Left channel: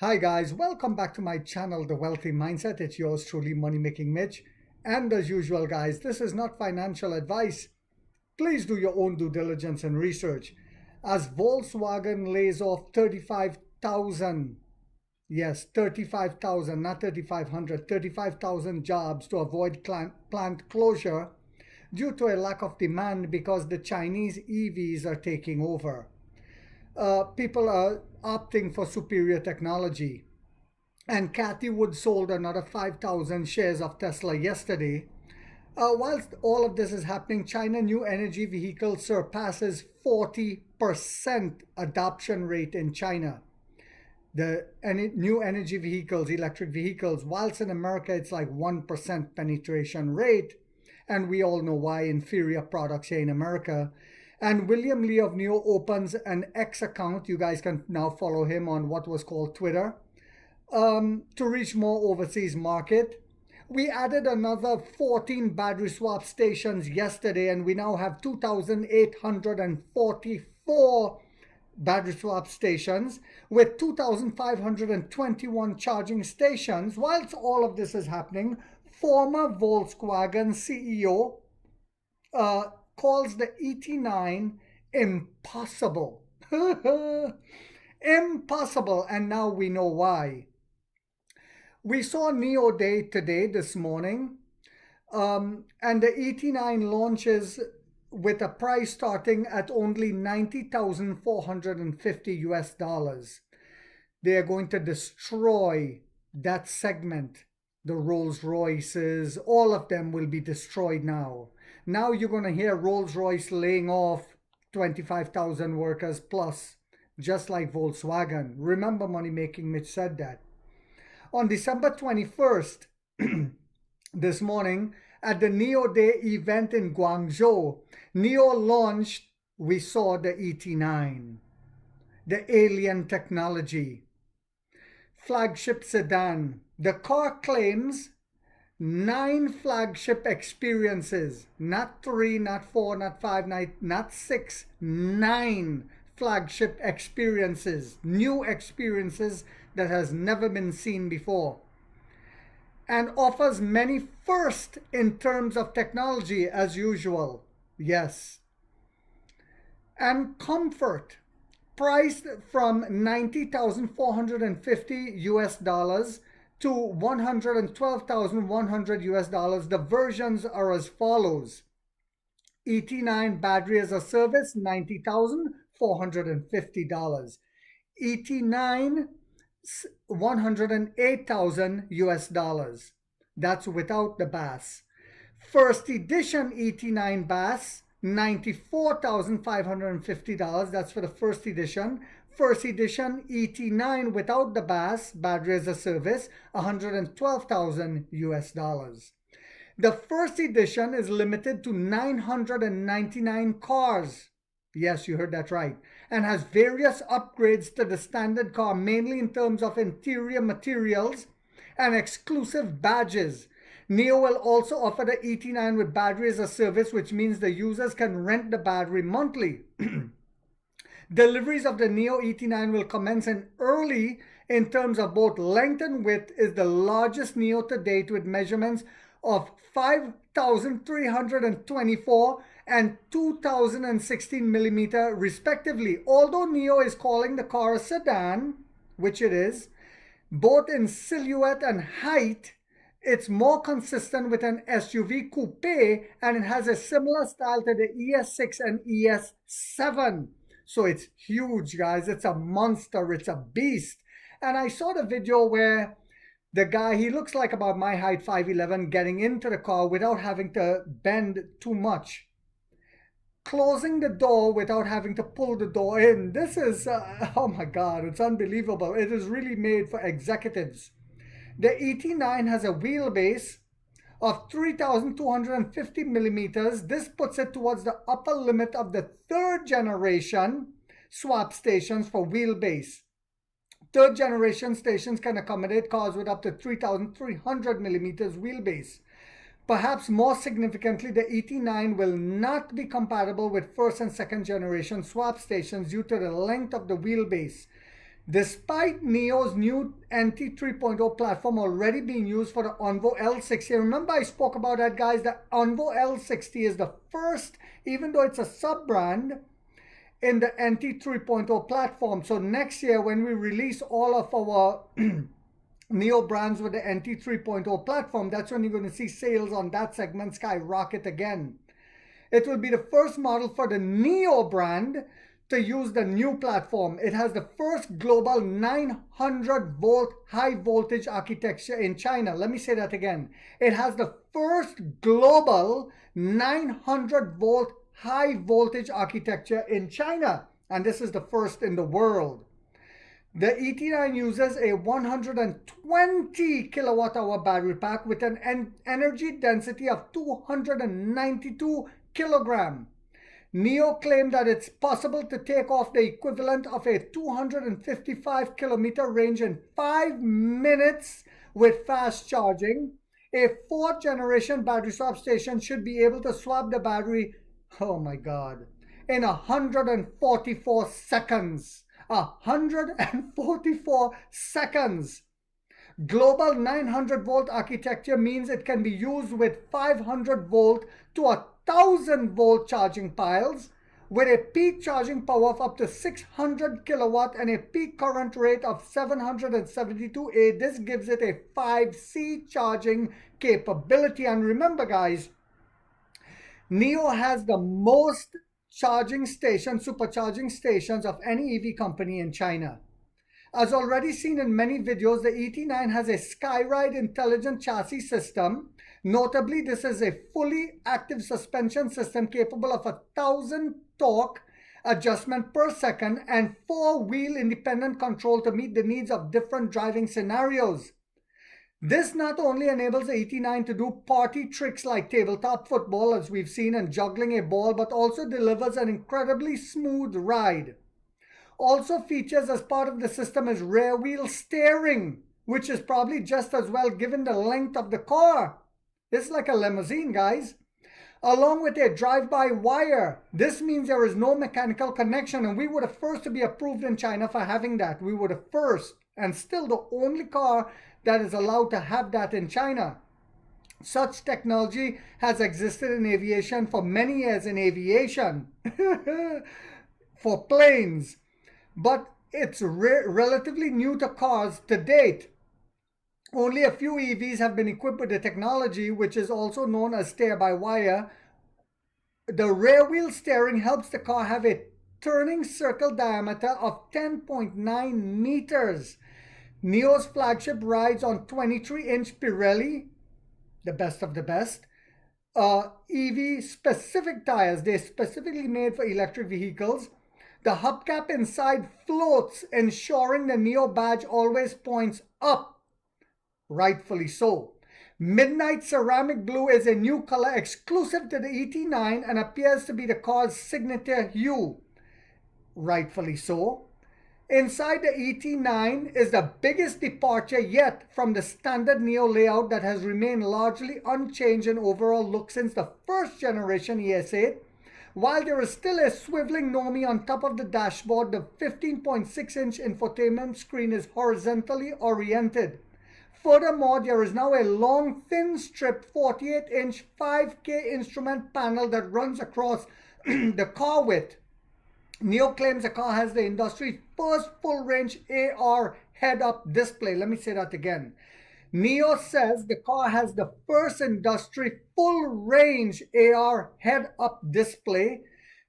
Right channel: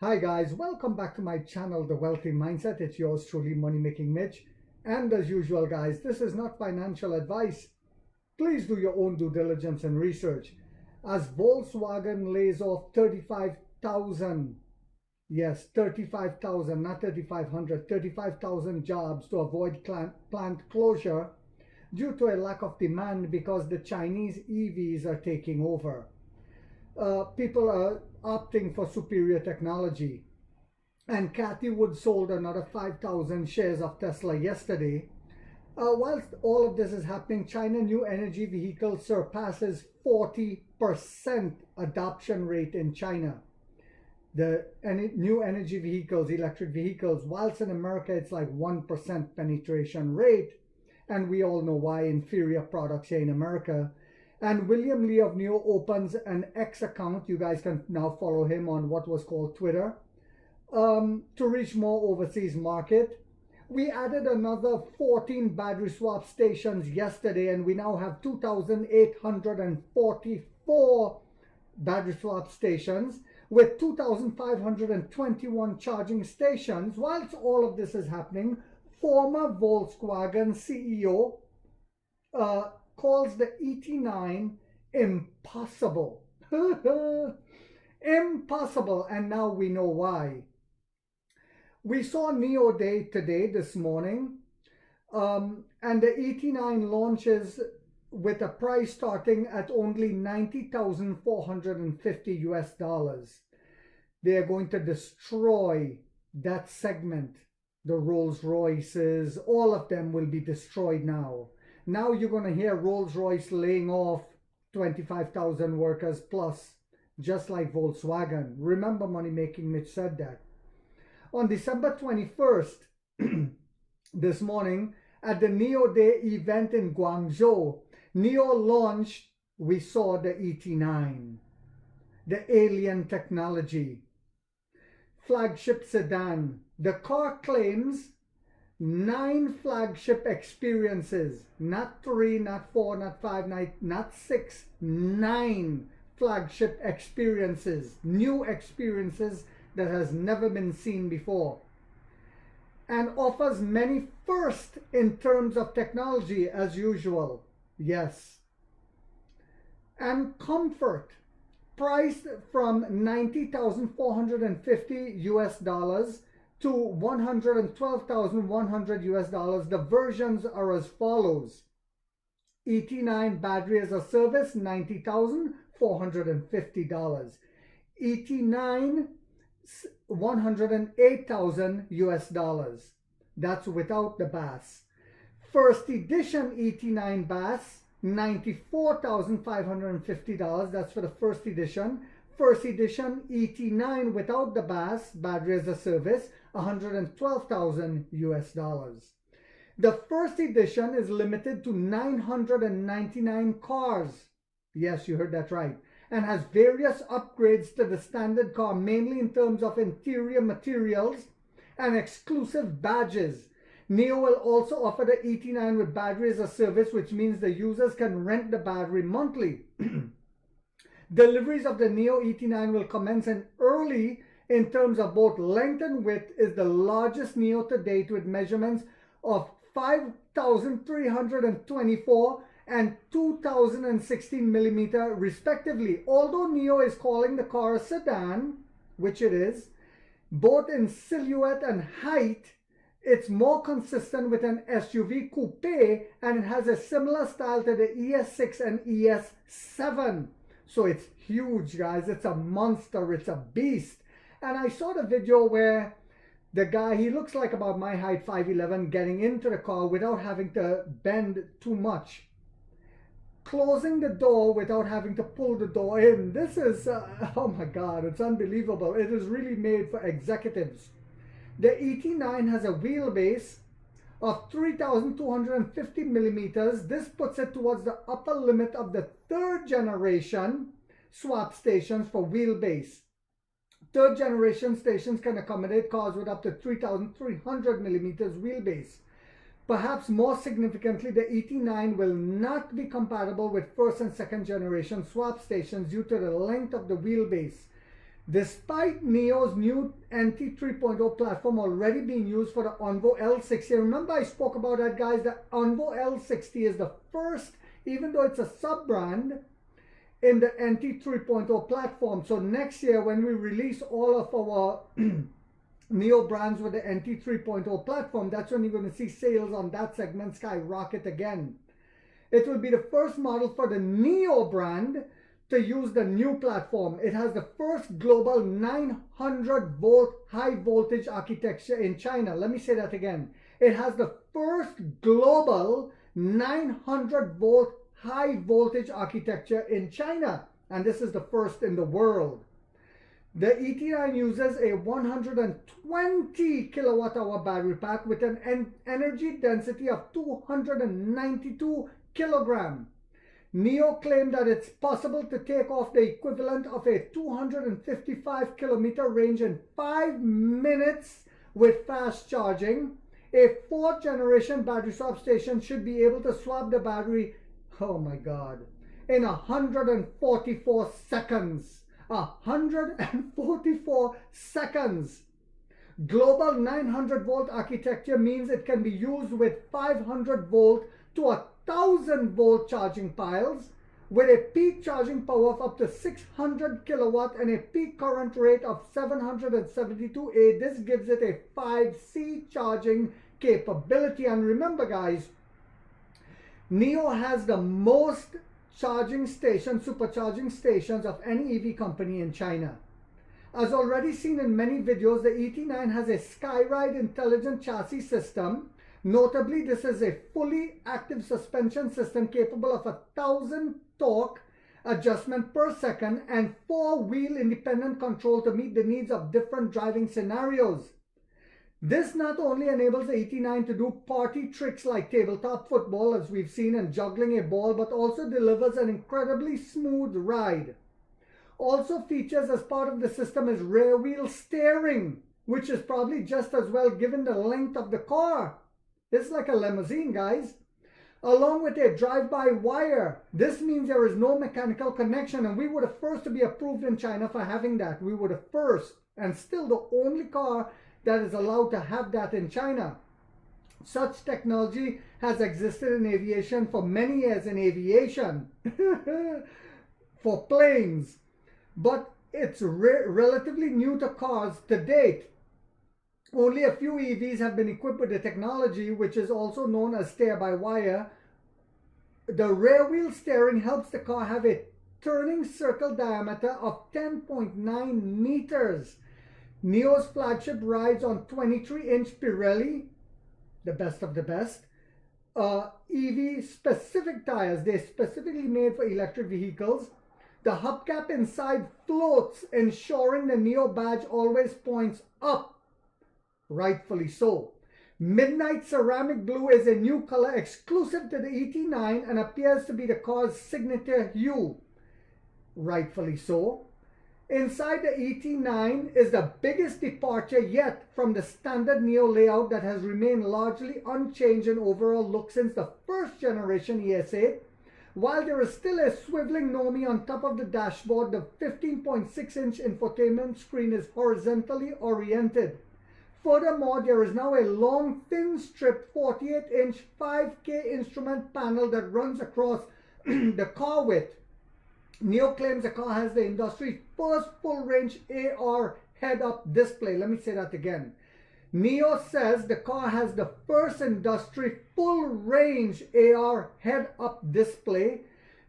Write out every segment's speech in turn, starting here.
Hi guys, welcome back to my channel, The Wealthy Mindset. It's yours truly, Money Making Mitch. And as usual guys, this is not financial advice. Please do your own due diligence and research. As Volkswagen lays off 35,000, yes, 35,000, not 3,500, 35,000 jobs to avoid plant closure due to a lack of demand because the Chinese EVs are taking over. People are opting for superior technology. And Cathy Wood sold another 5,000 shares of Tesla yesterday. Whilst all of this is happening, China new energy vehicle surpasses 40% adoption rate in China. The new energy vehicles, electric vehicles, whilst in America it's like 1% penetration rate. And we all know why, inferior products here in America. And William Lee of NIO opens an X account. You guys can now follow him on what was called Twitter to reach more overseas market. We added another 14 battery swap stations yesterday, and we now have 2,844 battery swap stations with 2,521 charging stations. Whilst all of this is happening, former Volkswagen CEO calls the ET9 impossible. Impossible, and now we know why. We saw NIO Day today, this morning, and the ET9 launches with a price starting at only $90,450 US dollars. They are going to destroy that segment. The Rolls Royces, all of them will be destroyed now. Now you're going to hear Rolls-Royce laying off 25,000 workers plus, just like Volkswagen. Remember, Money Making Mitch said that. On December 21st, this morning, at the NIO Day event in Guangzhou, NIO launched, we saw the ET9, the alien technology, flagship sedan. The car claims 9 flagship experiences, not 3, not 4, not 5, not 6, 9 flagship experiences, new experiences that has never been seen before, and offers many firsts in terms of technology as usual. Yes. And comfort, priced from $90,450 US dollars to $112,100 US dollars. The versions are as follows. ET9 battery as a service, $90,450. ET9, $108,000 US dollars. That's without the BAS. First edition ET9 BAS, $94,550. That's for the first edition. First edition ET9 without the BAS, battery as a service, $112,000 US dollars. The first edition is limited to 999 cars. Yes, you heard that right. And has various upgrades to the standard car, mainly in terms of interior materials and exclusive badges. NIO will also offer the ET9 with battery as a service, which means the users can rent the battery monthly. Deliveries of the NIO ET9 will commence in early in terms of both length and width. Is the largest NIO to date with measurements of 5,324 and 2,016 millimeter respectively. Although NIO is calling the car a sedan, which it is, both in silhouette and height, it's more consistent with an SUV coupe, and it has a similar style to the ES6 and ES7. So it's huge, guys. It's a monster. It's a beast. And I saw the video where the guy, he looks like about my height, 5'11", getting into the car without having to bend too much, closing the door without having to pull the door in. This is, oh my God, it's unbelievable. It is really made for executives. The ET9 has a wheelbase of 3,250 millimeters. This puts it towards the upper limit of the third generation swap stations for wheelbase. Third generation stations can accommodate cars with up to 3,300 millimeters wheelbase. Perhaps more significantly, the ET9 will not be compatible with first and second generation swap stations due to the length of the wheelbase. Despite NIO's new NT 3.0 platform already being used for the Onvo L60, remember I spoke about that, guys. The Onvo L60 is the first, even though it's a sub-brand, in the NT 3.0 platform. So next year, when we release all of our NIO brands with the NT 3.0 platform, that's when you're going to see sales on that segment skyrocket again. It will be the first model for the NIO brand to use the new platform. It has the first global 900 volt high voltage architecture in China. Let me say that again. It has the first global 900 volt high voltage architecture in China, and this is the first in the world. The ET9 uses a 120 kilowatt hour battery pack with an energy density of 292 kilogram. NIO claimed that it's possible to take off the equivalent of a 255 kilometer range in 5 minutes with fast charging. A fourth generation battery swap station should be able to swap the battery, oh my God, in 144 seconds. 144 seconds. Global 900 volt architecture means it can be used with 500 volt to 1000 volt charging piles with a peak charging power of up to 600 kilowatt and a peak current rate of 772 A. This gives it a 5C charging capability. And remember, guys, NIO has the most charging stations, supercharging stations of any EV company in China. As already seen in many videos, the ET9 has a Skyride intelligent chassis system. Notably, this is a fully active suspension system capable of 1,000 torque adjustment per second and 4-wheel independent control to meet the needs of different driving scenarios. This not only enables the ET9 to do party tricks like tabletop football, as we've seen, and juggling a ball, but also delivers an incredibly smooth ride. Also features as part of the system is rear wheel steering, which is probably just as well given the length of the car. It's like a limousine, guys. Along with a drive-by-wire. This means there is no mechanical connection, and we were the first to be approved in China for having that. We were the first, and still the only car that is allowed to have that in China. Such technology has existed in aviation for many years, in aviation, for planes, but it's relatively new to cars to date. Only a few EVs have been equipped with the technology, which is also known as steer-by-wire. The rear wheel steering helps the car have a turning circle diameter of 10.9 meters. NIO's flagship rides on 23-inch Pirelli, the best of the best, EV specific tires. They're specifically made for electric vehicles. The hubcap inside floats, ensuring the NIO badge always points up. Rightfully so. Midnight ceramic blue is a new color exclusive to the ET9 and appears to be the car's signature hue. Rightfully so. Inside the ET9 is the biggest departure yet from the standard NIO layout that has remained largely unchanged in overall look since the first generation ES8. While there is still a swiveling Nomi on top of the dashboard, the 15.6-inch infotainment screen is horizontally oriented. Furthermore, there is now a long, thin strip 48-inch 5K instrument panel that runs across the car width. NIO claims the car has the industry's first full-range AR head-up display. Let me say that again. NIO says the car has the first industry full-range AR head-up display.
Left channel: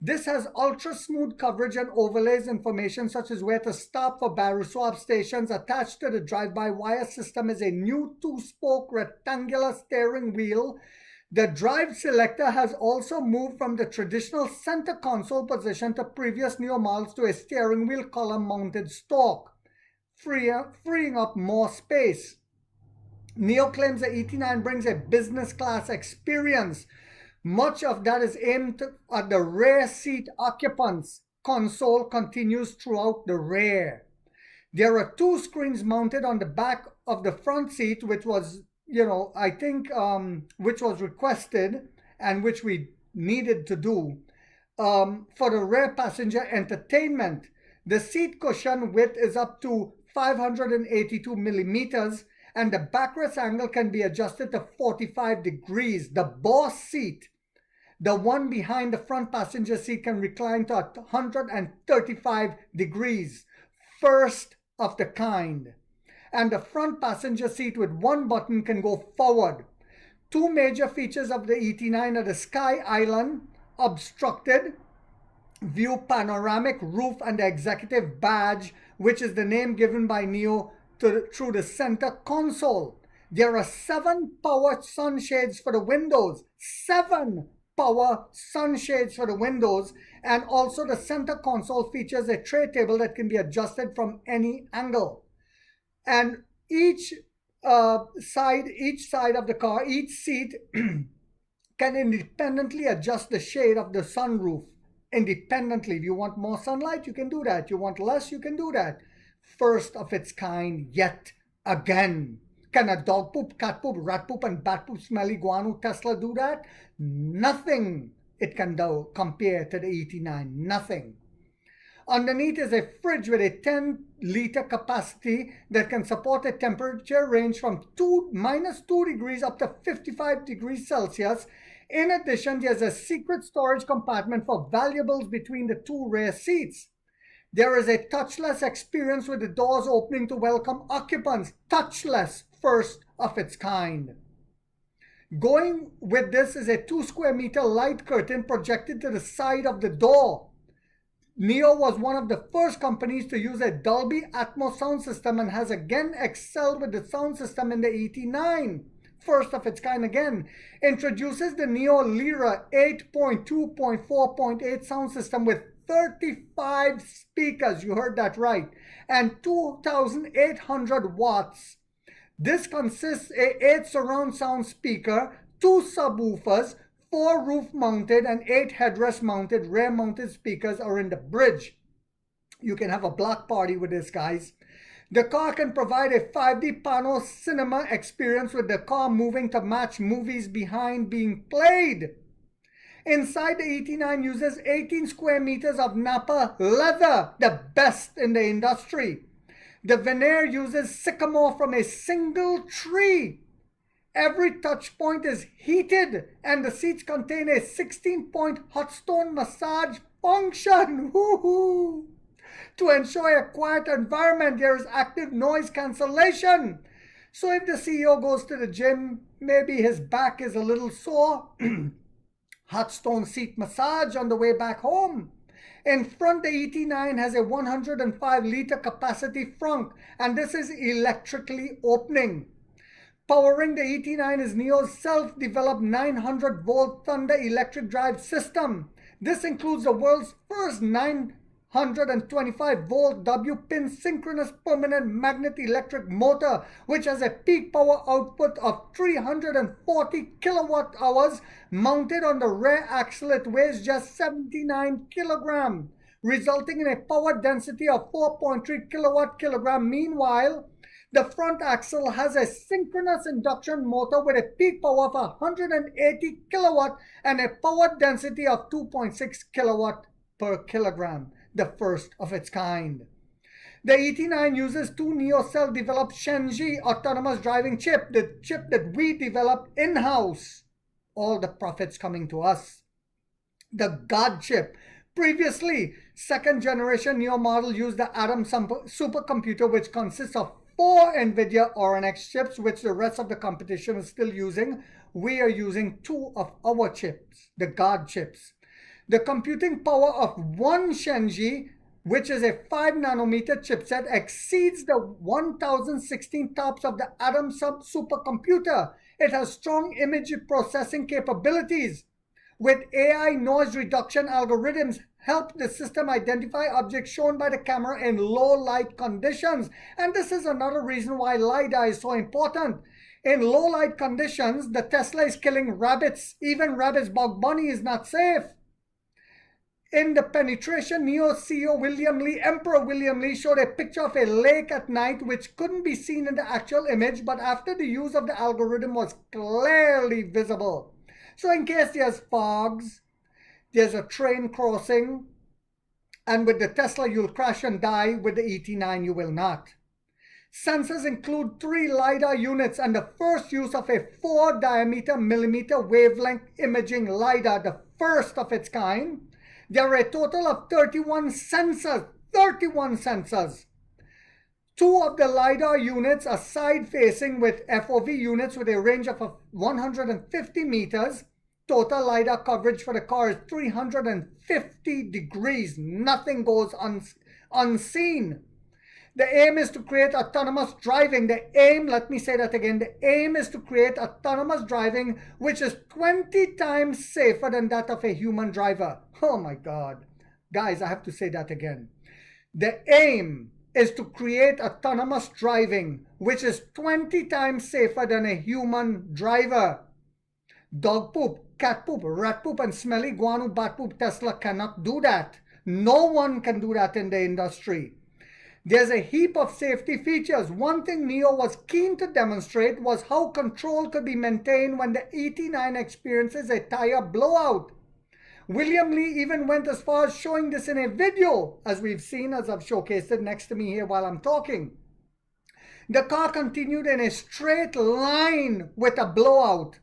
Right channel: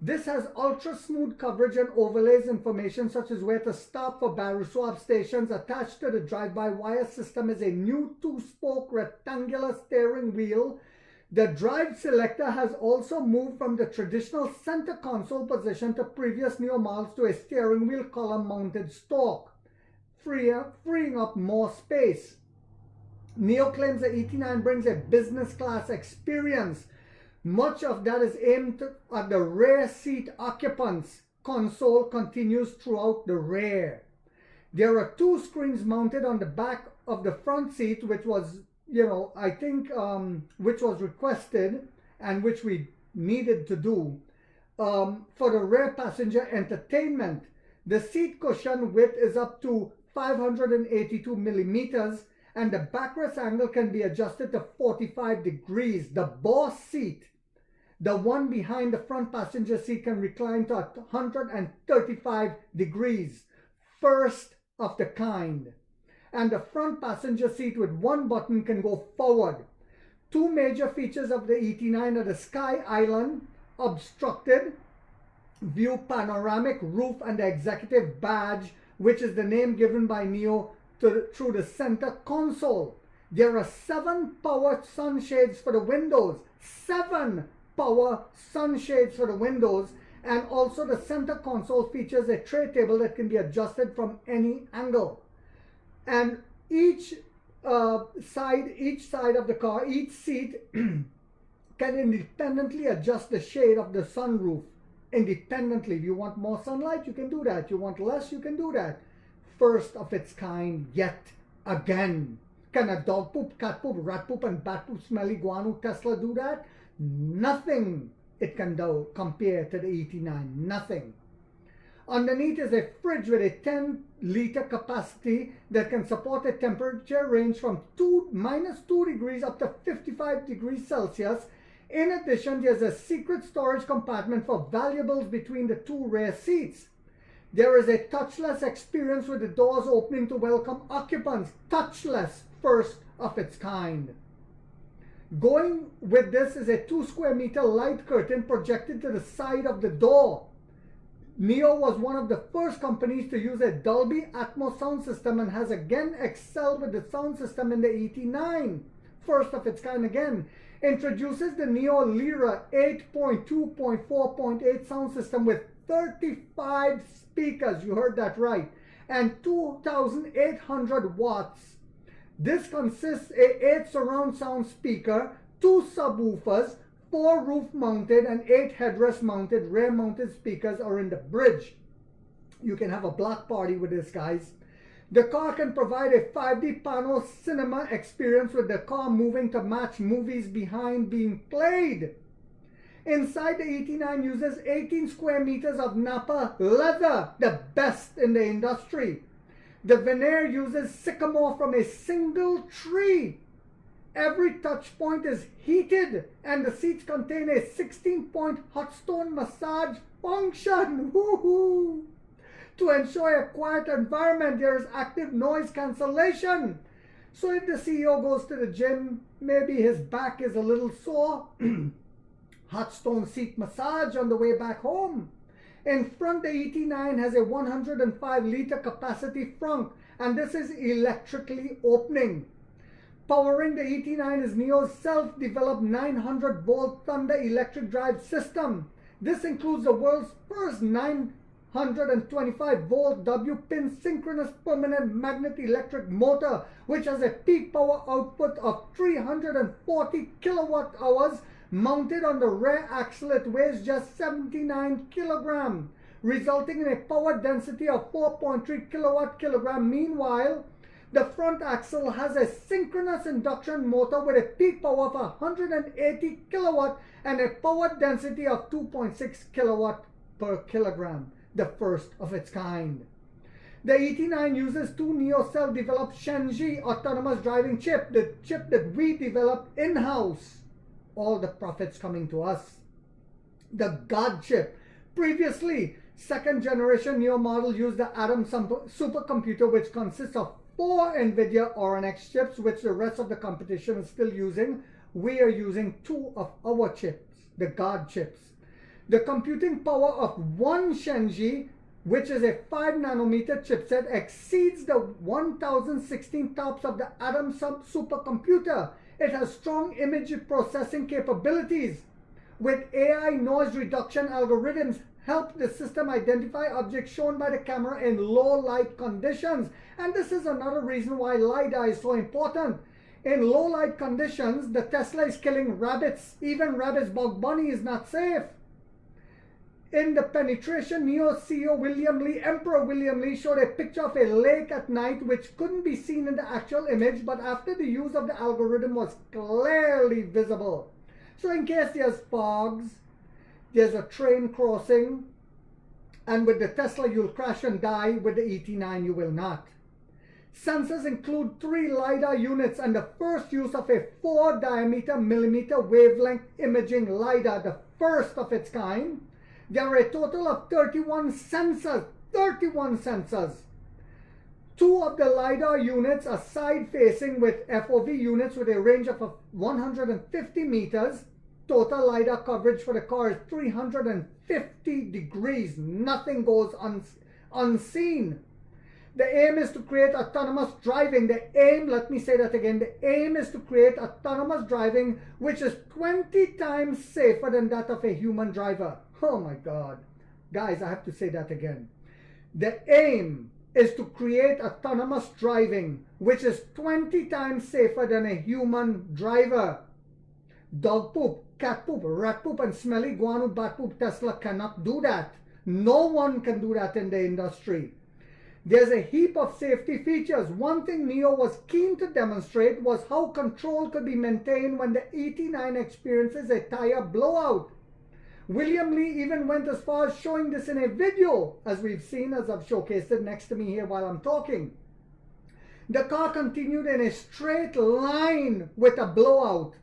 This has ultra-smooth coverage and overlays information such as where to stop for battery swap stations. Attached to the drive-by-wire system is a new 2-spoke rectangular steering wheel. The drive selector has also moved from the traditional center console position to previous NIO models to a steering wheel column mounted stalk, freeing up more space. NIO claims the ET9 brings a business class experience. Much of that is aimed at the rear seat occupants. Console continues throughout the rear. There are 2 screens mounted on the back of the front seat, which was, I think, which was requested and which we needed to do for the rear passenger entertainment. The seat cushion width is up to 582 millimeters, and the backrest angle can be adjusted to 45 degrees. The boss seat, the one behind the front passenger seat, can recline to 135 degrees. First of the kind. And the front passenger seat with one button can go forward. Two major features of the ET9 are the Sky Island obstructed view panoramic roof and the executive badge, which is the name given by NIO through the center console. There are 7 power sunshades for the windows. 7 power sunshades for the windows. And also the center console features a tray table that can be adjusted from any angle. And each side of the car, each seat can independently adjust the shade of the sunroof independently. If you want more sunlight, you can do that. You want less, you can do that. First of its kind yet again. Can a dog poop, cat poop, rat poop, and bat poop smelly guano Tesla do that? Nothing it can do compare to the ET9. Nothing. Underneath is a fridge with a 10-liter capacity that can support a temperature range from -2 degrees up to 55 degrees Celsius. In addition, there's a secret storage compartment for valuables between the 2 rear seats. There is a touchless experience with the doors opening to welcome occupants. Touchless, first of its kind. Going with this is a 2 square meter light curtain projected to the side of the door. NIO was one of the first companies to use a Dolby Atmos sound system and has again excelled with the sound system in the ET9. First of its kind again. Introduces the NIO Lyra 8.2.4.8 sound system with 35 speakers, you heard that right, and 2,800 watts. This consists of 8 surround sound speaker, 2 subwoofers, 4 roof mounted and 8 headrest mounted rear mounted speakers are in the bridge. You can have a block party with this, guys. The car can provide a 5D panel cinema experience with the car moving to match movies behind being played. Inside, the ET9 uses 18 square meters of Napa leather, the best in the industry. The veneer uses sycamore from a single tree. Every touch point is heated and the seats contain a 16-point hot stone massage function. Woohoo! To ensure a quiet environment, there is active noise cancellation. So if the CEO goes to the gym, maybe his back is a little sore, hot stone seat massage on the way back home. In front, the ET9 has a 105-liter capacity frunk, and this is electrically opening. Powering the ET9 is NIO's self-developed 900-volt Thunder electric drive system. This includes the world's first 925-volt W-pin synchronous permanent magnet electric motor, which has a peak power output of 340 kilowatt hours mounted on the rear axle. It weighs just 79 kilograms, resulting in a power density of 4.3 kilowatt-kilogram. Meanwhile, the front axle has a synchronous induction motor with a peak power of 180 kilowatt and a power density of 2.6 kilowatt per kilogram, the first of its kind. The ET9 uses 2 NIO self-developed Shenji autonomous driving chip, the chip that we developed in-house. All the profits coming to us. The God chip. Previously, second generation NIO model used the Atom supercomputer, which consists of 4 NVIDIA RNX chips, which the rest of the competition is still using. We are using 2 of our chips, the God chips. The computing power of 1 Shenji, which is a 5 nanometer chipset, exceeds the 1016 TOPS of the Atom supercomputer. It has strong image processing capabilities. With AI noise reduction algorithms, help the system identify objects shown by the camera in low light conditions. And this is another reason why LiDAR is so important. In low light conditions, the Tesla is killing rabbits. Even rabbits, Bug Bunny is not safe. In the penetration, NIO CEO Emperor William Lee showed a picture of a lake at night which couldn't be seen in the actual image, but after the use of the algorithm was clearly visible. So in case there's fogs, there's a train crossing, And with the Tesla, you'll crash and die. With the ET9, you will not. Sensors include 3 LiDAR units and the first use of a 4 diameter millimeter wavelength imaging LiDAR, the first of its kind. There are a total of 31 sensors. 31 sensors. 2 of the LiDAR units are side-facing with FOV units with a range of 150 meters. Total LiDAR coverage for the car is 350 degrees. Nothing goes unseen. The aim is to create autonomous driving. The aim, let me say that again, the aim is to create autonomous driving which is 20 times safer than that of a human driver. Oh my God. Guys, I have to say that again. The aim is to create autonomous driving which is 20 times safer than a human driver. Dog poop, cat poop, rat poop, and smelly guano bat poop Tesla cannot do that. No one can do that in the industry. There's a heap of safety features. One thing NIO was keen to demonstrate was how control could be maintained when the ET9 experiences a tire blowout. William Lee even went as far as showing this in a video, as we've seen, as I've showcased it next to me here while I'm talking. The car continued in a straight line with a blowout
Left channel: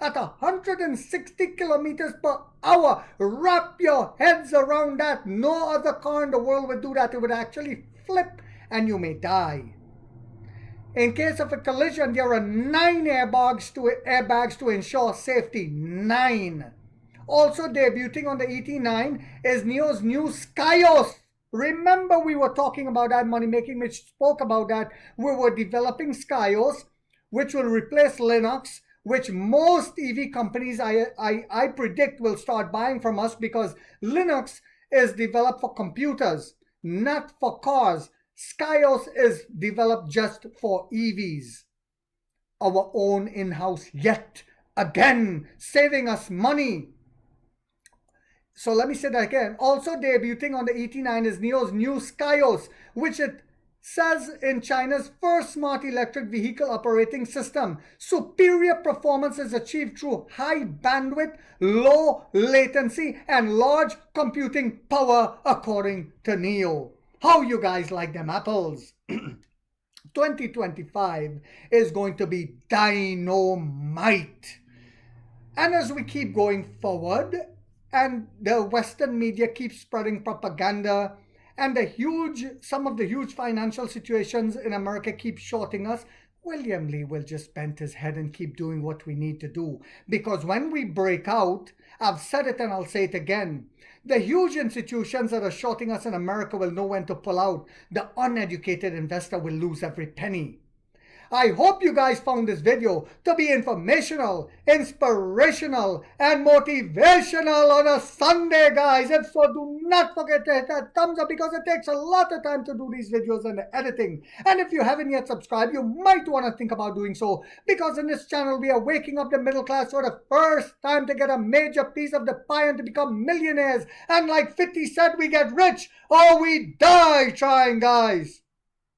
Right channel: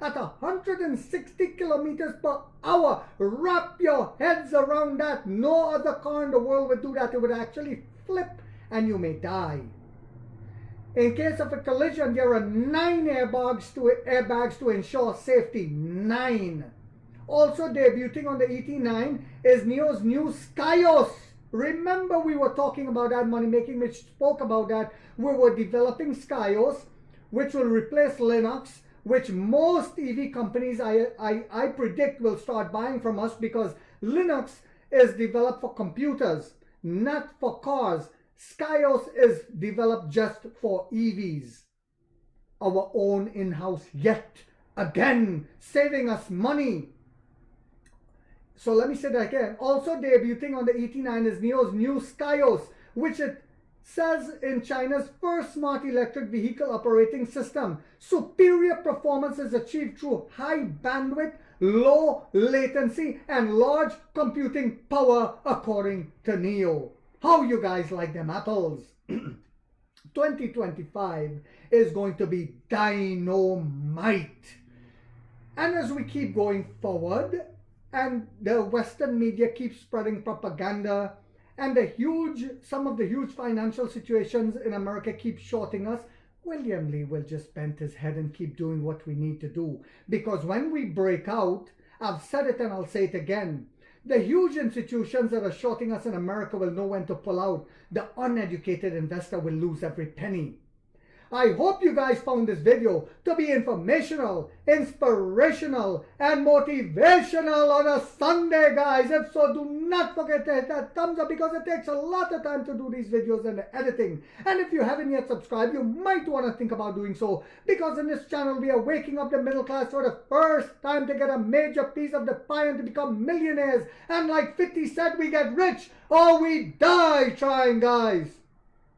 at 160 kilometers per hour. Wrap your heads around that. No other car in the world would do that. It would actually flip and you may die. In case of a collision, there are 9 airbags to ensure safety. 9. Also debuting on the ET9 is NIO's new Skyos. Remember, we were talking about that, Money Making Mitch spoke about that. We were developing Skyos, which will replace Linux, which most EV companies I predict will start buying from us, because Linux is developed for computers, not for cars. Skyos is developed just for EVs. Our own in-house yet again, saving us money. So let me say that again. Also debuting on the ET9 is NIO's new Skyos, which it says in China's first smart electric vehicle operating system. Superior performance is achieved through high bandwidth, low latency, and large computing power, according to NIO. How you guys like them apples? 2025 is going to be dynamite. And as we keep going forward, and the Western media keeps spreading propaganda, and some of the huge financial situations in America keep shorting us, William Lee will just bend his head and keep doing what we need to do. Because when we break out, I've said it and I'll say it again, the huge institutions that are shorting us in America will know when to pull out. The uneducated investor will lose every penny. I hope you guys found this video to be informational, inspirational, and motivational on a Sunday, guys. If so, do not forget to hit that thumbs up, because it takes a lot of time to do these videos and the editing. And if you haven't yet subscribed, you might want to think about doing so, because in this channel, we are waking up the middle class for the first time to get a major piece of the pie and to become millionaires. And like 50 said, we get rich or we die trying, guys.